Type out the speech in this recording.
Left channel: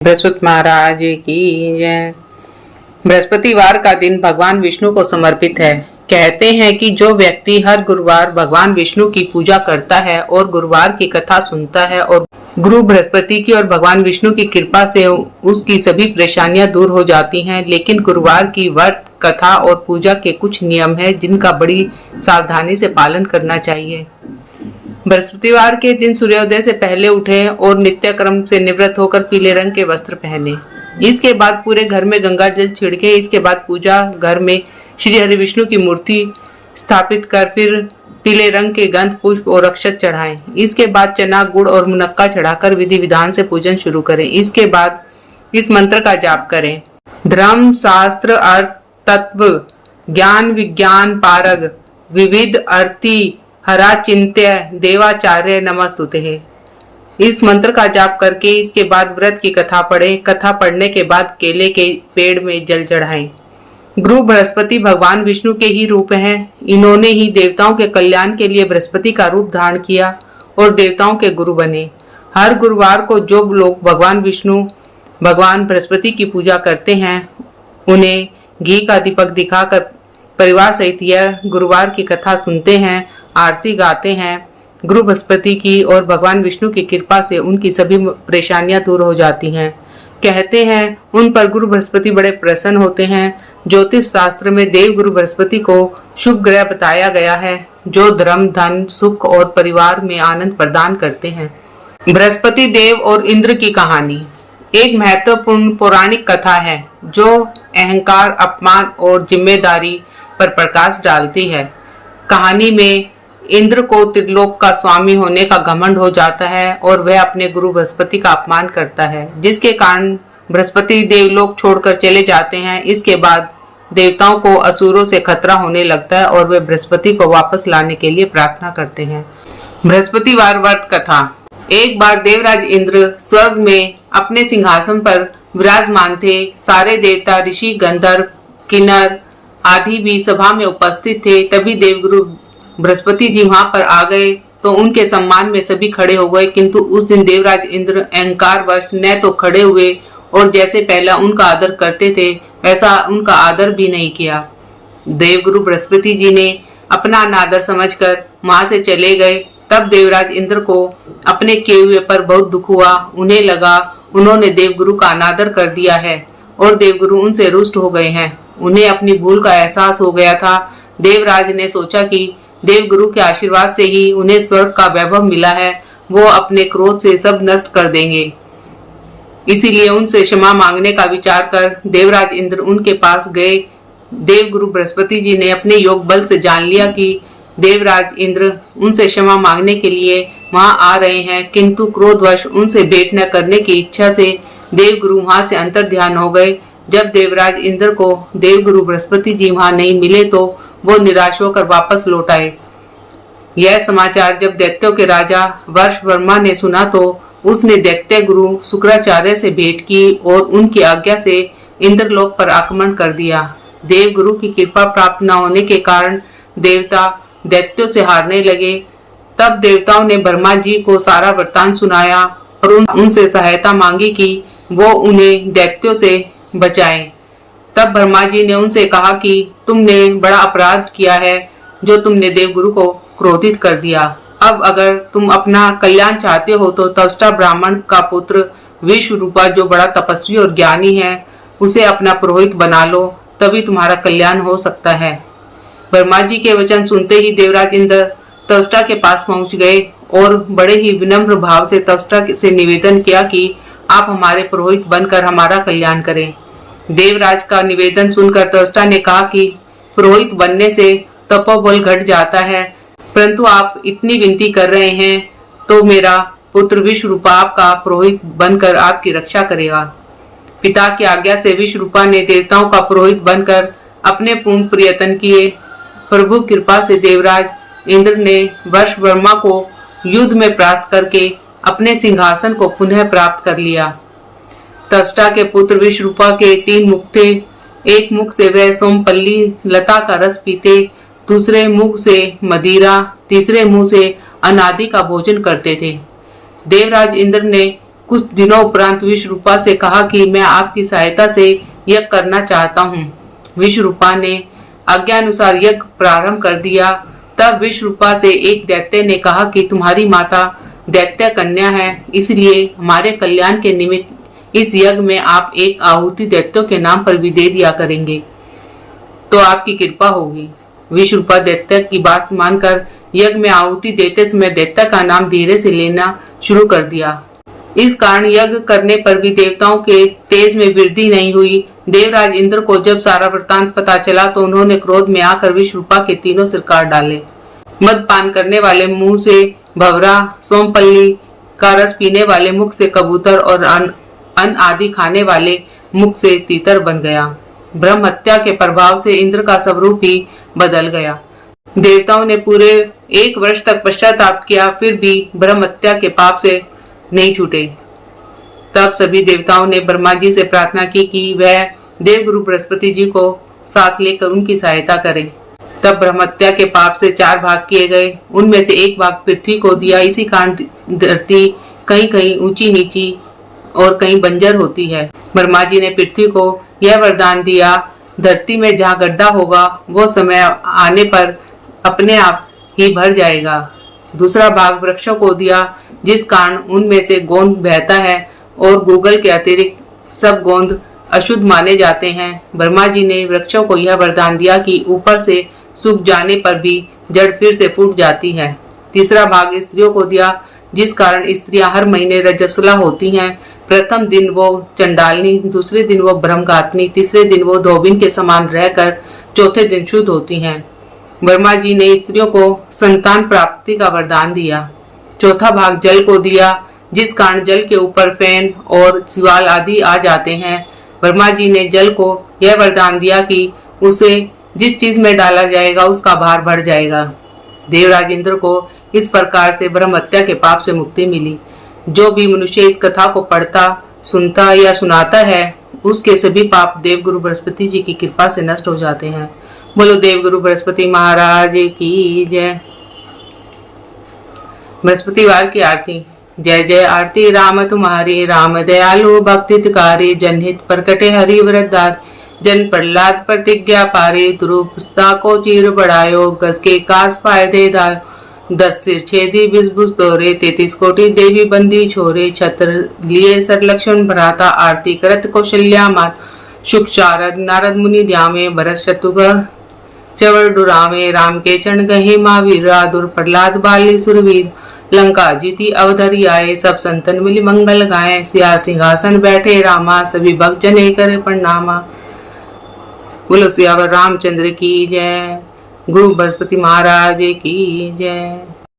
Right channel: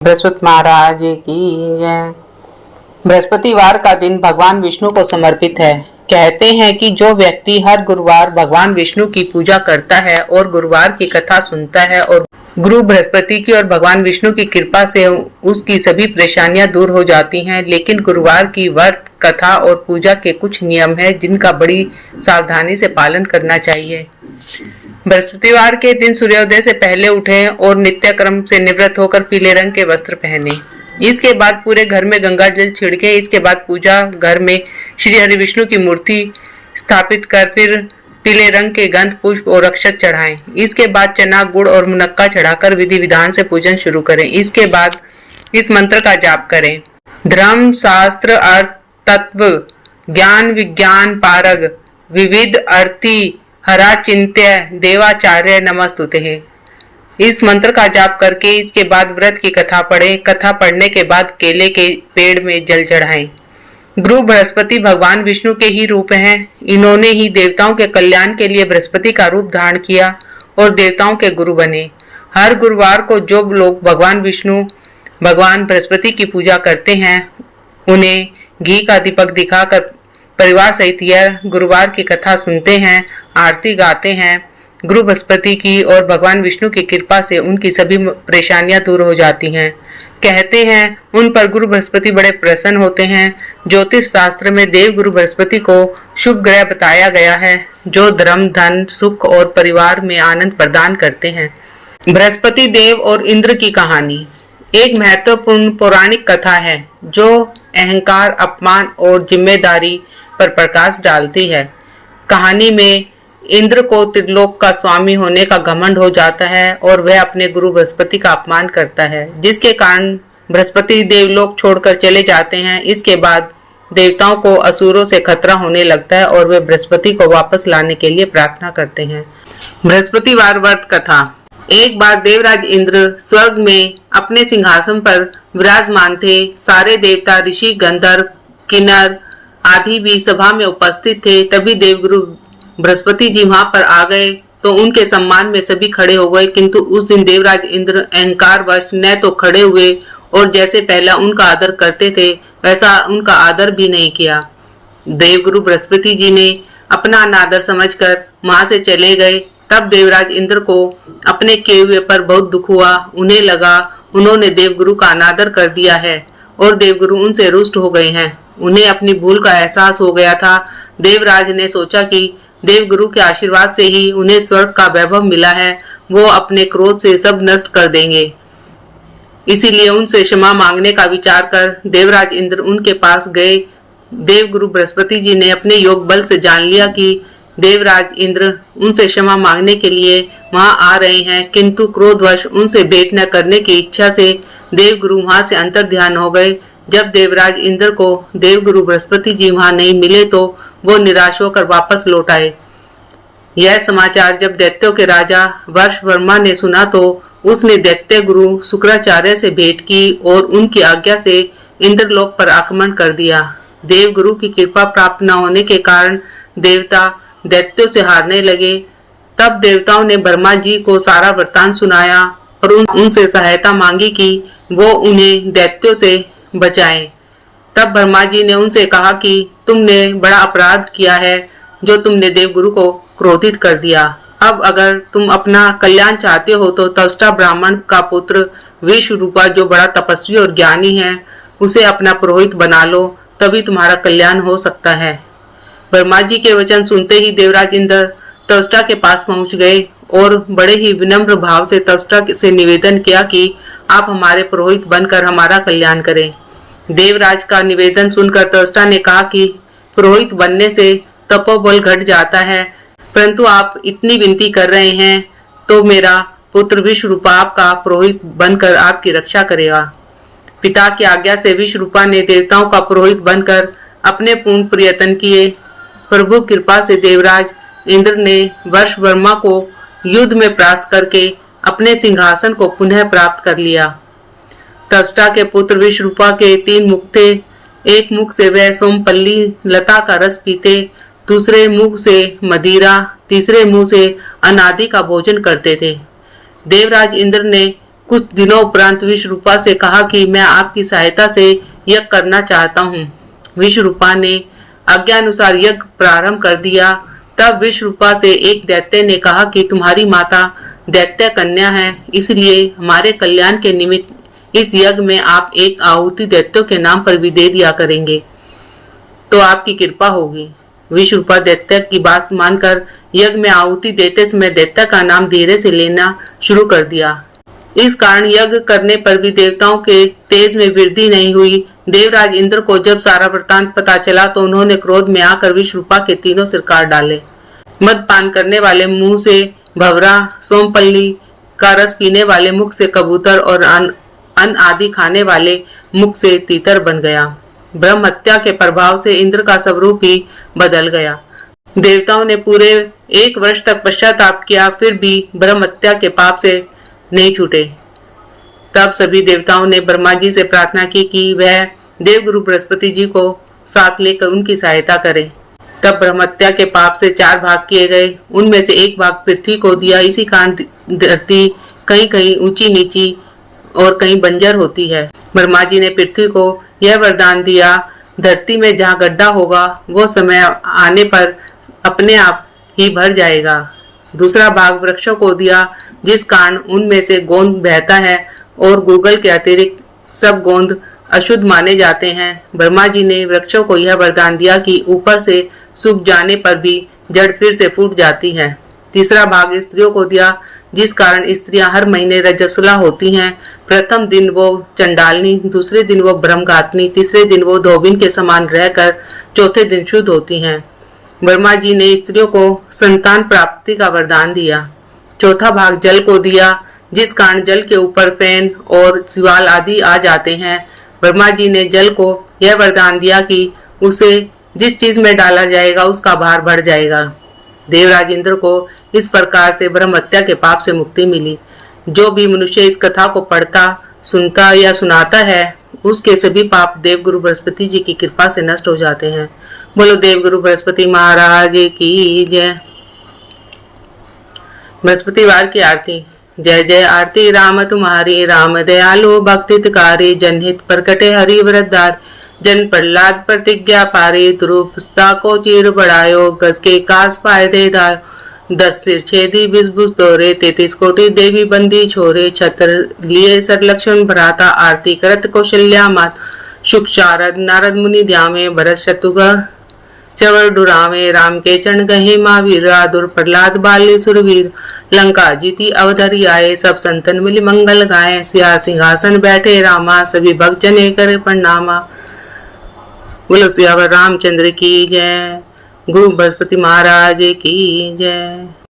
बृहस्पति महाराज की जय। बृहस्पतिवार का दिन भगवान विष्णु को समर्पित है। कहते हैं कि जो व्यक्ति हर गुरुवार भगवान विष्णु की पूजा करता है और गुरुवार की कथा सुनता है और गुरु बृहस्पति की और भगवान विष्णु की कृपा से उसकी सभी परेशानियां दूर हो जाती हैं। लेकिन गुरुवार की व्रत कथा और पूजा के कुछ नियम हैं जिनका बड़ी सावधानी से पालन करना चाहिए। बृहस्पतिवार के दिन सूर्योदय से पहले उठें और नित्य क्रम से निवृत्त होकर पीले रंग के वस्त्र पहने। इसके बाद पूरे घर में गंगा जल छिड़के। इसके बाद पूजा घर में श्री हरि विष्णु की मूर्ति स्थापित कर फिर पीले रंग के गंध पुष्प और अक्षत चढ़ाएं। इसके बाद चना गुड़ और मुनक्का चढ़ाकर विधि विधान से पूजन शुरू करें। इसके बाद इस मंत्र का जाप करें। धर्म शास्त्र अर्थ तत्व ज्ञान विज्ञान पारग विविध अर्थी हरा चिंत्य देवाचार्य नमस्तुते। इस मंत्र का जाप करके इसके बाद व्रत की कथा पढ़ें। कथा पढ़ने के बाद केले के पेड़ में जल चढ़ाएं। गुरु बृहस्पति भगवान विष्णु के ही रूप हैं। इन्होंने ही देवताओं के कल्याण के लिए बृहस्पति का रूप धारण किया और देवताओं के गुरु बने। हर गुरुवार को जो लोग भगवान विष्णु भगवान बृहस्पति की पूजा करते हैं उन्हें घी का दीपक दिखाकर परिवार सहित यह गुरुवार की कथा सुनते हैं, आरती गाते हैं। गुरु बृहस्पति की और भगवान विष्णु की कृपा से उनकी सभी परेशानियां दूर हो जाती हैं। कहते हैं उन पर गुरु बृहस्पति बड़े प्रसन्न होते हैं। ज्योतिष शास्त्र में देव गुरु बृहस्पति को शुभ ग्रह बताया गया है जो धर्म धन सुख और परिवार में आनंद प्रदान करते हैं। बृहस्पति देव और इंद्र की कहानी एक महत्वपूर्ण पौराणिक कथा है जो अहंकार अपमान और जिम्मेदारी पर प्रकाश डालती है। कहानी में इंद्र को त्रिलोक का स्वामी होने का घमंड हो जाता है और वह अपने गुरु बृहस्पति का अपमान करता है, जिसके कारण बृहस्पति देवलोक छोड़कर चले जाते हैं। इसके बाद देवताओं को असुरों से खतरा होने लगता है और वे बृहस्पति को वापस लाने के लिए प्रार्थना करते हैं। बृहस्पतिवार व्रत कथा। एक बार देवराज इंद्र स्वर्ग में अपने सिंहासन पर विराजमान थे। सारे देवता ऋषि गंधर्व किन्नर आदि भी सभा में उपस्थित थे। तभी देवगुरु बृहस्पति जी वहां पर आ गए तो उनके सम्मान में सभी खड़े हो गए, किंतु उस दिन देवराज इंद्र अहंकार वश न तो खड़े हुए और जैसे पहला उनका आदर करते थे वैसा उनका आदर भी नहीं किया। देवगुरु बृहस्पति जी ने अपना अनादर समझकर वहां से चले गए। तब देवराज इंद्र को अपने किए हुए पर बहुत दुख हुआ। उन्हें लगा उन्होंने देवगुरु का अनादर कर दिया है और देवगुरु उनसे रुष्ट हो गए हैं। उन्हें अपनी भूल का एहसास हो गया था। देवराज ने सोचा कि देवगुरु के आशीर्वाद से ही उन्हें स्वर्ग का वैभव मिला है, वो अपने क्रोध से सब नष्ट कर देंगे। इसीलिए उनसे क्षमा मांगने का विचार कर देवराज इंद्र उनके पास गए। देवगुरु बृहस्पति जी ने अपने योग बल से जान लिया कि देवराज इंद्र उनसे क्षमा मांगने के लिए वहां आ रहे हैं, किंतु क्रोधवश उनसे भेंट न करने की इच्छा से देवगुरु वहां से अंतर ध्यान हो गए। जब देवराज इंद्र को देवगुरु बृहस्पति जी वहां नहीं मिले तो वो निराश होकर वापस लौट आए। यह समाचार जब दैत्यों के राजा वर्षवर्मा ने सुना तो उसने दैत्य गुरु शुक्राचार्य से भेंट की और उनकी आज्ञा से इंद्रलोक पर आक्रमण कर दिया। देवगुरु की कृपा प्राप्त न होने के कारण देवता दैत्यों से हारने लगे। तब देवताओं ने ब्रह्मा जी को सारा वृत्तांत सुनाया और उनसे सहायता मांगी कि वो उन्हें दैत्यों से बचाएं। तब ब्रह्मा जी ने उनसे कहा कि तुमने बड़ा अपराध किया है जो तुमने देवगुरु को क्रोधित कर दिया। अब अगर तुम अपना कल्याण चाहते हो तो त्वष्टा ब्राह्मण का पुत्र विश्वरूपा जो बड़ा तपस्वी और ज्ञानी है उसे अपना पुरोहित बना लो, तभी तुम्हारा कल्याण हो सकता है। ब्रह्मा जी के वचन सुनते ही देवराज इंद्र त्वष्टा के पास पहुंच गए और बड़े ही विनम्र भाव से त्वष्टा से निवेदन किया कि आप हमारे पुरोहित बनकर हमारा कल्याण करें। देवराज का निवेदन सुनकर त्वष्टा ने कहा कि पुरोहित बनने से तपोबल घट जाता है, परंतु आप इतनी विनती कर रहे हैं तो मेरा पुत्र विश्वरूपा आपका पुरोहित बनकर आपकी रक्षा करेगा। पिता की आज्ञा से विश्वरूपा ने देवताओं का पुरोहित बनकर अपने पूर्ण प्रयत्न किए। प्रभु कृपा से देवराज इंद्र ने वर्षवर्मा को युद्ध में परास्त करके अपने सिंहासन को पुनः प्राप्त कर लिया। त्वष्टा के पुत्र विश्वरूपा के 3 मुख थे। एक मुख से वह सोमपल्ली लता का रस पीते, दूसरे मुख से मदिरा, तीसरे मुंह से अनादि का भोजन करते थे। देवराज इंद्र ने कुछ दिनों उपरांत विश्वरूपा से कहा कि मैं आपकी सहायता से यज्ञ करना चाहता हूँ। विश्वरूपा ने आज्ञानुसार यज्ञ प्रारंभ कर दिया। तब विश्वरूपा से एक दैत्य ने कहा कि तुम्हारी माता दैत्य कन्या है, इसलिए हमारे कल्याण के निमित्त इस यज्ञ में आप एक आहुति दैत्यों के नाम पर भी दे दिया करेंगे तो आपकी कृपा होगी। विश्वरूपा दैत्य की बात मानकर यज्ञ में आहुति देते समय दैत्य का नाम धीरे से लेना शुरू कर दिया। इस कारण यज्ञ करने पर भी देवताओं के तेज में वृद्धि नहीं हुई। देवराज इंद्र को जब सारा वृतांत पता चला तो उन्होंने क्रोध में आकर विश्वरूपा के तीनों सिर काट डाले। मदपान करने वाले मुंह से भवरा, सोमपल्ली का रस पीने वाले मुख से कबूतर और अन्न आदि खाने वाले मुख से तीतर बन गया। ब्रह्म हत्या के प्रभाव से इंद्र का स्वरूप ही बदल गया। देवताओं ने पूरे 1 वर्ष तक पश्चाताप किया, फिर भी ब्रह्म हत्या के पाप से नहीं छूटे। तब सभी देवताओं ने ब्रह्मा जी से प्रार्थना की कि वह देवगुरु बृहस्पति जी को साथ लेकर उनकी सहायता करें। तब ब्रह्म हत्या के पाप से 4 भाग किए गए। उनमें से 1 भाग पृथ्वी को दिया। इसी कारण धरती कहीं कहीं ऊंची नीची और कहीं बंजर होती है। ब्रह्मा जी ने पृथ्वी को यह वरदान दिया, धरती में जहाँ गड्ढा होगा वो समय आने पर अपने आप ही भर जाएगा। दूसरा भाग वृक्षों को दिया, जिस कारण उनमें से गोंद बहता है और गूगल के अतिरिक्त सब गोंद अशुद्ध माने जाते हैं। ब्रह्मा जी ने वृक्षों को यह वरदान दिया कि ऊपर से सूख जाने पर भी जड़ फिर से फूट जाती है। तीसरा भाग स्त्रियों को दिया, जिस कारण स्त्रियां हर महीने रजस्वला होती हैं। प्रथम दिन वो चंडालनी, दूसरे दिन वो ब्रह्मघातनी, तीसरे दिन वो धोबिन के समान रहकर चौथे दिन शुद्ध होती हैं। ब्रह्मा जी ने स्त्रियों को संतान प्राप्ति का वरदान दिया। चौथा भाग जल को दिया, जिस कारण जल के ऊपर फैन और सिवाल आदि आ जाते हैं। ब्रह्मा जी ने जल को यह वरदान दिया कि उसे जिस चीज में डाला जाएगा उसका भार बढ़ जाएगा। देवराज इंद्र को इस प्रकार से ब्रह्म हत्या के पाप से मुक्ति मिली। जो भी मनुष्य इस कथा को पढ़ता, सुनता या सुनाता है, उसके सभी पाप देवगुरु बृहस्पति जी की कृपा से नष्ट हो जाते हैं। बोलो देवगुरु बृहस्पति महाराज की जय। बृहस्पतिवार की आरती। जय जय आरती राम तुम्हारी, राम दयालु भक्ति तिकारी, जनहित प्रकटे हरि वरदार, जन प्रहलाद प्रतिज्ञा पारे, ध्रुव पुस्ता को चीर बढ़ायो, गज के कास फायदे दायो, 10 सिर छेदी 20 भुज तोरे, 33 कोटि देवी बंदी छोरे, छत्र लिए सर लक्ष्मण भ्राता, आरती करत कौशल्या मात, शुक शारद नारद मुनि ध्यामे, भरत शत्रुघ्न चवर डुरावे, राम के चरण गहे महावीर, दुर प्रहलाद बाले सुरवीर, लंका जीती अवधरी आए, सब संतन मिली मंगल गाए, सिया सिंहासन बैठे रामा, सभी भक्त जने करे प्रणामा। बोलो सियावर रामचंद्र की जय। गुरु बृहस्पति महाराज की जय।